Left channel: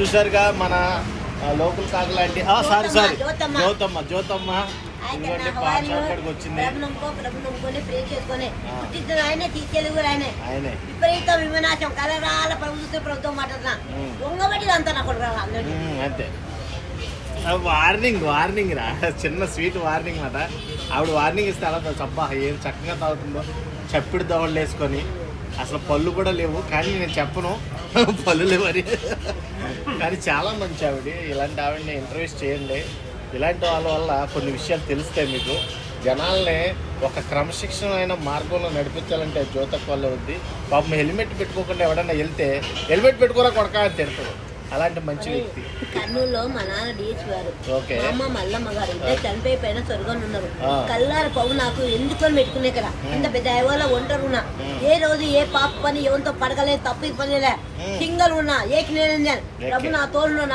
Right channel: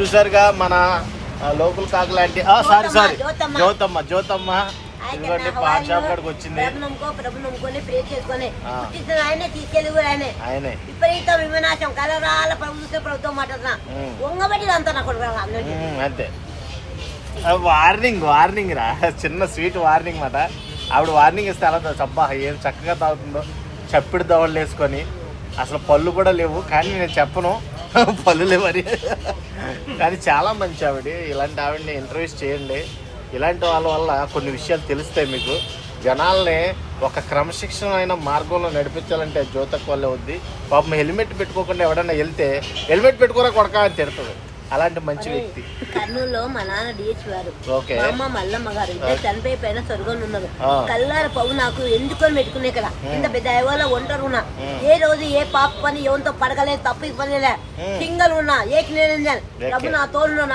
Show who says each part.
Speaker 1: చూసారుగా మన లోకల్ కాకు లాంటి సారీ సారీ
Speaker 2: జ్యోతమ్మ.
Speaker 1: జ్యోతమ్మ జ్యోతమ్మ ఇదిగోండి పాన్ షాప్ కాడికి వచ్చింది
Speaker 2: ప్రభు నమ్ముకో ప్రభు నమ్ముకొని ప్రే చేసుకొని
Speaker 1: ఆ.
Speaker 2: పుట్టించిన ఆయనే తీసుకెళ్ళి కూడా ఆయనే.
Speaker 1: ఆయనే.
Speaker 2: విపరీత విమనాశం కలరాల ప్రభుత్వ ప్రభుత్వం మాట్లాడుతున్నా.
Speaker 1: ఉమ్.
Speaker 2: వంగబడి అంతా నా కొడుకు అందరికీ
Speaker 1: ఉమ్, అంతే. వార్నింగ్ వార్నింగ్ రా. చిన్న స్వీట్ వార్నింగ్ మాట. ఆవిడ వార్నింగ్ ఇస్తే అలా చబ్బా ఏం చక్కగా తాగుతుందో. చప్పిడి దవడలు వేసుకొని. అసలు పళ్ళు కూడా లేవు కానీ నేను చెప్పను. పనులు మరి. కానీ చాలా మంచి ఆవిడ ఇలాంటి ఆవిడని ఇంటర్వ్యూస్ చేయండి. ఇలాంటి వాళ్ళ వల్ల కొన్ని విషయాలు తెలుస్తాయి మీకు. జనాల్ని ఒక క్రమశిక్షణమైన మార్గంలో నడిపించాలంటే జ్యోతక్ వల్లే ఉంది. పాపం హెల్మెట్ పెట్టుకోకుండా ఎవడన్నా వెళ్తే హెల్మెట్ పెట్టుకోరా కొడకా అని తిడతాడు అలాంటి మంచి వ్యక్తి
Speaker 2: కర్నూలులో మా నాన్న డిహెచ్ గారు
Speaker 1: ఓకే
Speaker 2: మా అమ్మ మల్లమ్మ గారు ఇద్దరు చనిపోయి పైన స్వర్గంలో ఉన్నారు. కల్లార పవ్వు నాకు ఎందుకొని పెట్టుకునే కదా. ఇంత పెద్ద ఐవాలో ఒంటరి ఉన్నా. ఏ రోజు ఏ పాప పని ఎవరితో పడగలేదు తప్పు పని. సింగల్ ఉన్నా ఏకి నేను
Speaker 1: ఏకే.
Speaker 2: ప్రభు నా తోడు